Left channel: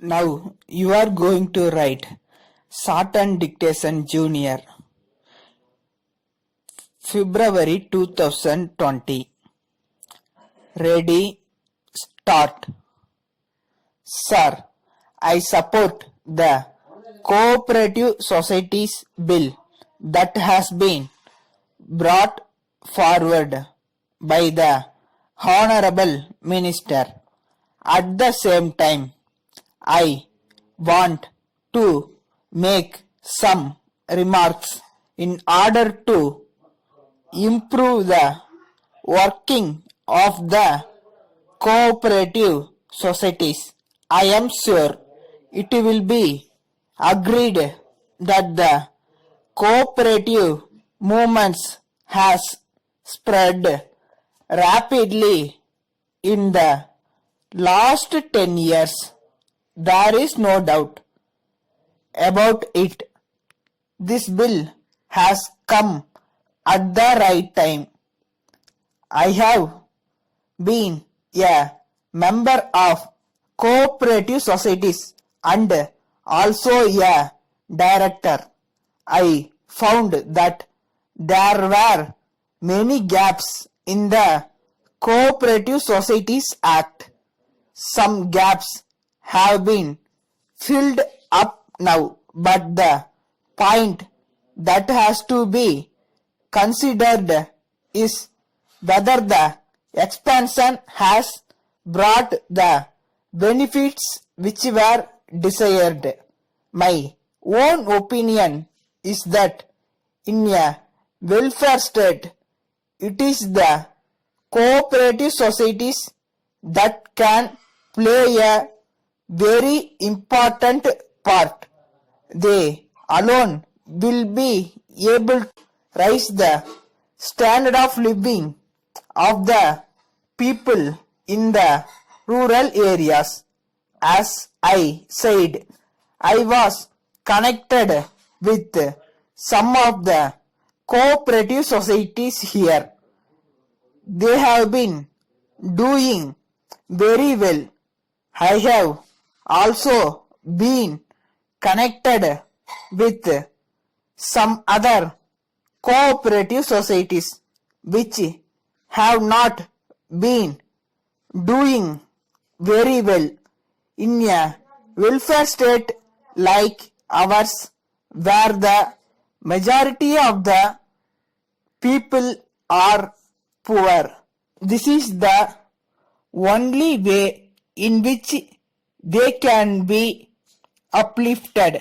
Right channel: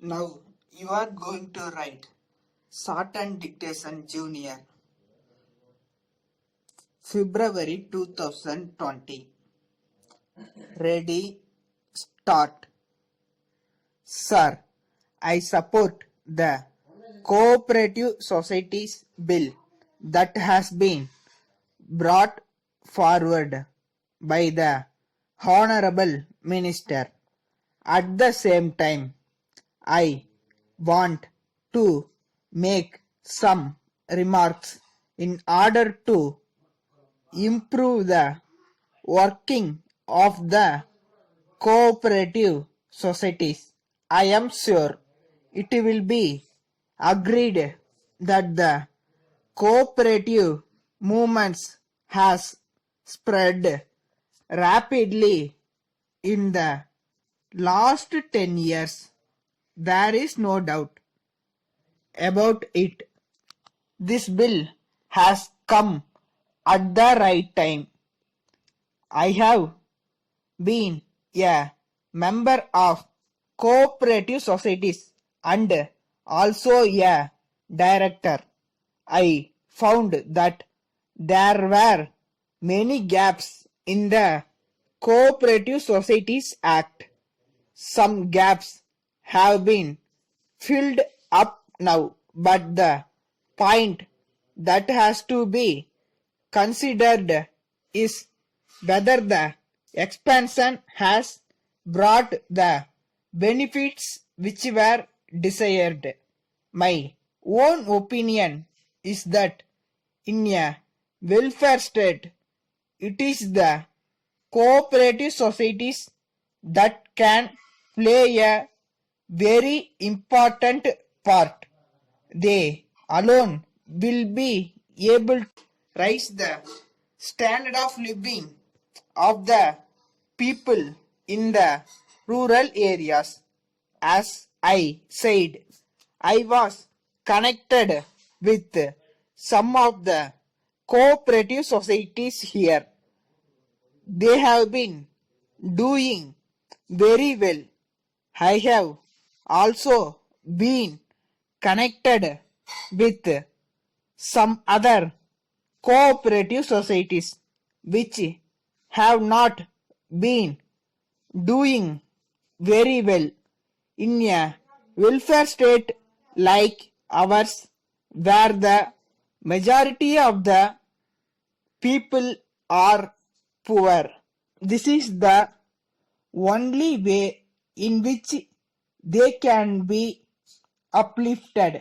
Now you are going to write Sartan Dictation Junior, February 2020. Ready, start. Sir, I support the Cooperative Societies Bill that has been brought forward by the Honorable Minister. At the same time, I want to make some remarks in order to improve the working of the cooperative societies. I am sure it will be agreed that the cooperative movements has spread rapidly in the last 10 years. There is no doubt about it. This bill has come at the right time. I have been a member of cooperative societies and also a director. I found that there were many gaps in the Cooperative Societies Act. Some gaps have been filled up now, but the point that has to be considered is whether the expansion has brought the benefits which were desired. My own opinion is that in a welfare state, it is the cooperative societies that can play a very important part. They alone will be able to raise the standard of living of the people in the rural areas. As I said, I was connected with some of the cooperative societies here. They have been doing very well. I have also been connected with some other cooperative societies which have not been doing very well. In a welfare state like ours, where the majority of the people are poor, this is the only way in which they can be uplifted.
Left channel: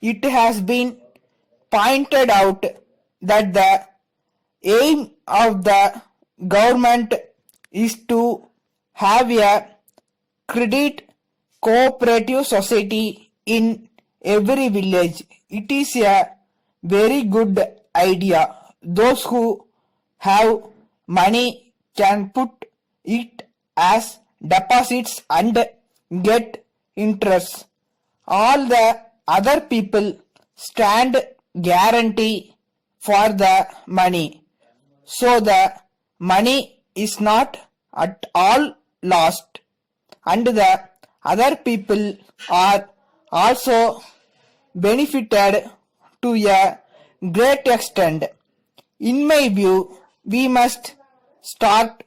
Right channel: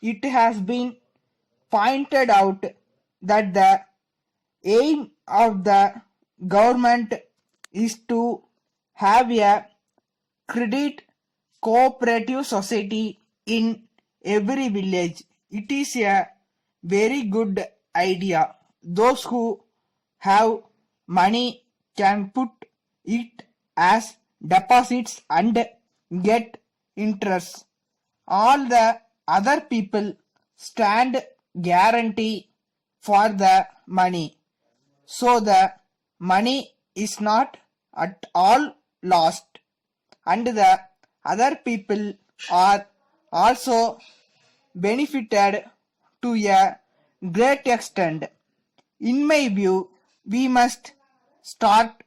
It has been pointed out that the aim of the government is to have a credit cooperative society in every village. It is a very good idea. Those who have money can put it as deposits and get interest. All the other people stand guarantee for the money. So the money is not at all lost, and the other people are also benefited to a great extent. In my view, we must start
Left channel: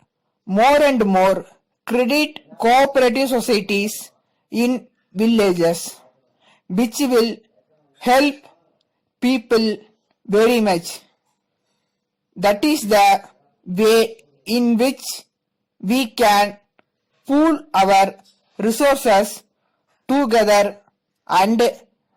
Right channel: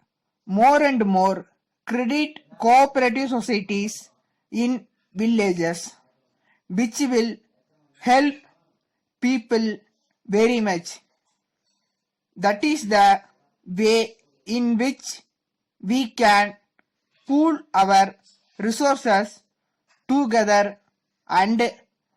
more and more credit cooperative societies in villages, which will help people very much. That is the way in which we can pool our resources together and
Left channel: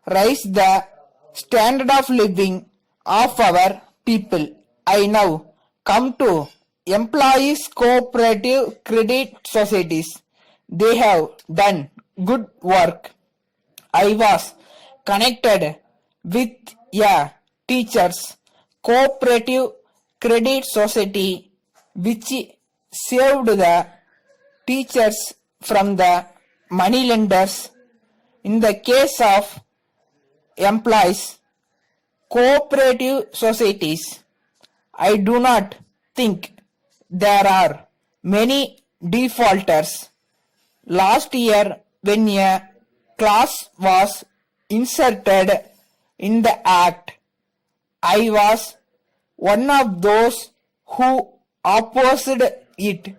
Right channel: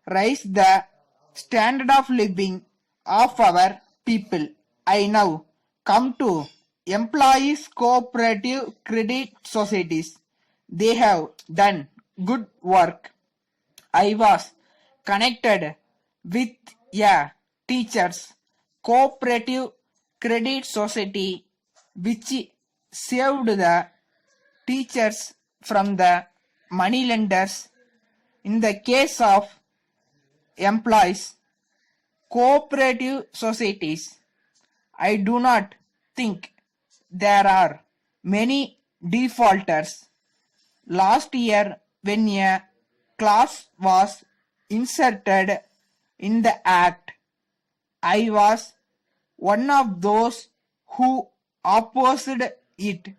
raise the standard of living of our people. I now come to employees cooperative credit societies. They have done good work. I was connected with a teachers cooperative credit society which saved the teachers from the money lenders. In the case of employees cooperative societies, I do not think there are many defaulters. Last year, when a clause was inserted in the Act. I was one of those who opposed it,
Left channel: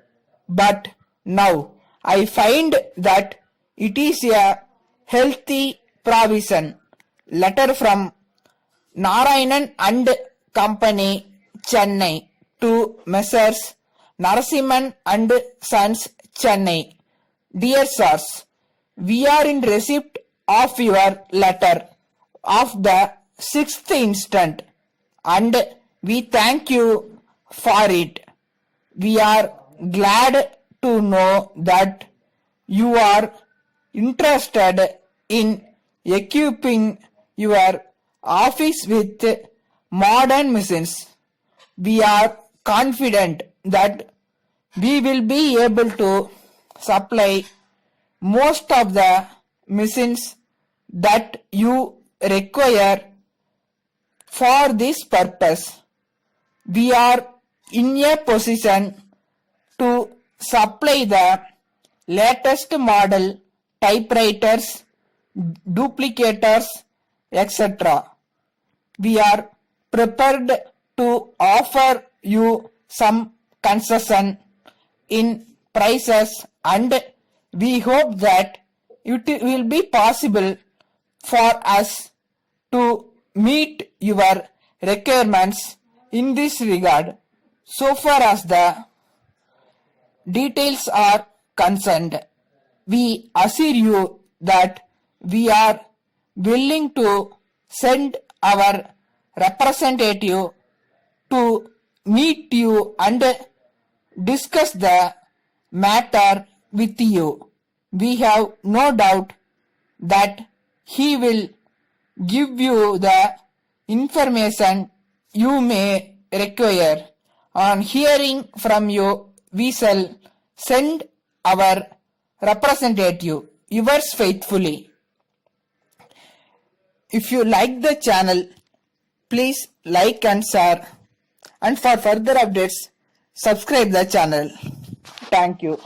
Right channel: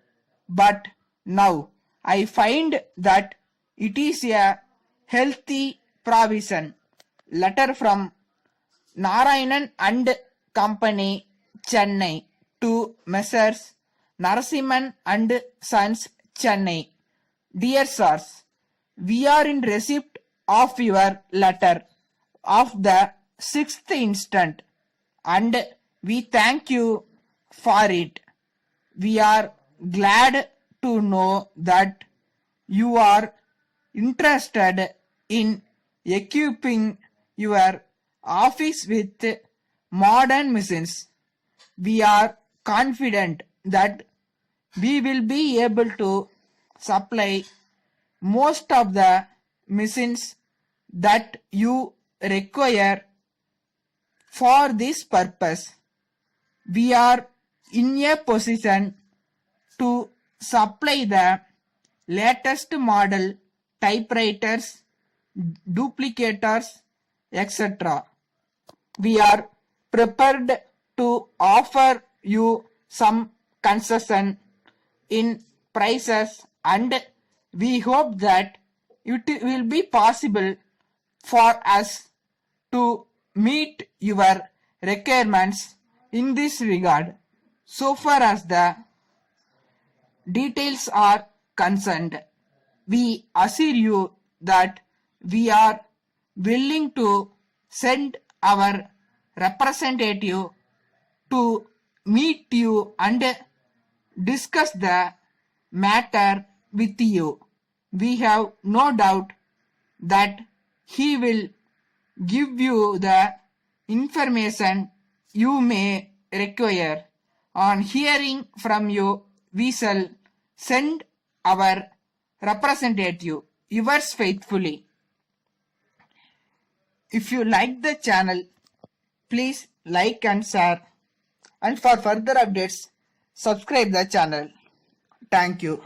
but now I find that it is a healthy provision. Letter from Narayanan and Company, Chennai, to Messrs. Narasimhan and Sons, Chennai. Dear Sirs, we are in receipt of your letter of the 6th instant, and we thank you for it. We are glad to know that you are interested in equipping your office with modern machines. We are confident that we will be able to supply most of the machines that you require for this purpose. We are in a position to supply the latest model typewriters, duplicators, etc. We are prepared to offer you some concession in prices, and we hope that it will be possible for us to meet your requirements in this regard. So far as the details are concerned, we assure you that we are willing to send our representative to meet you and discuss the matter with you. We have no doubt that he will give you the information you may require. On hearing from you, we shall send our representative. Yours faithfully. If you like the channel, please like and share, and for further updates, subscribe the channel. Thank you.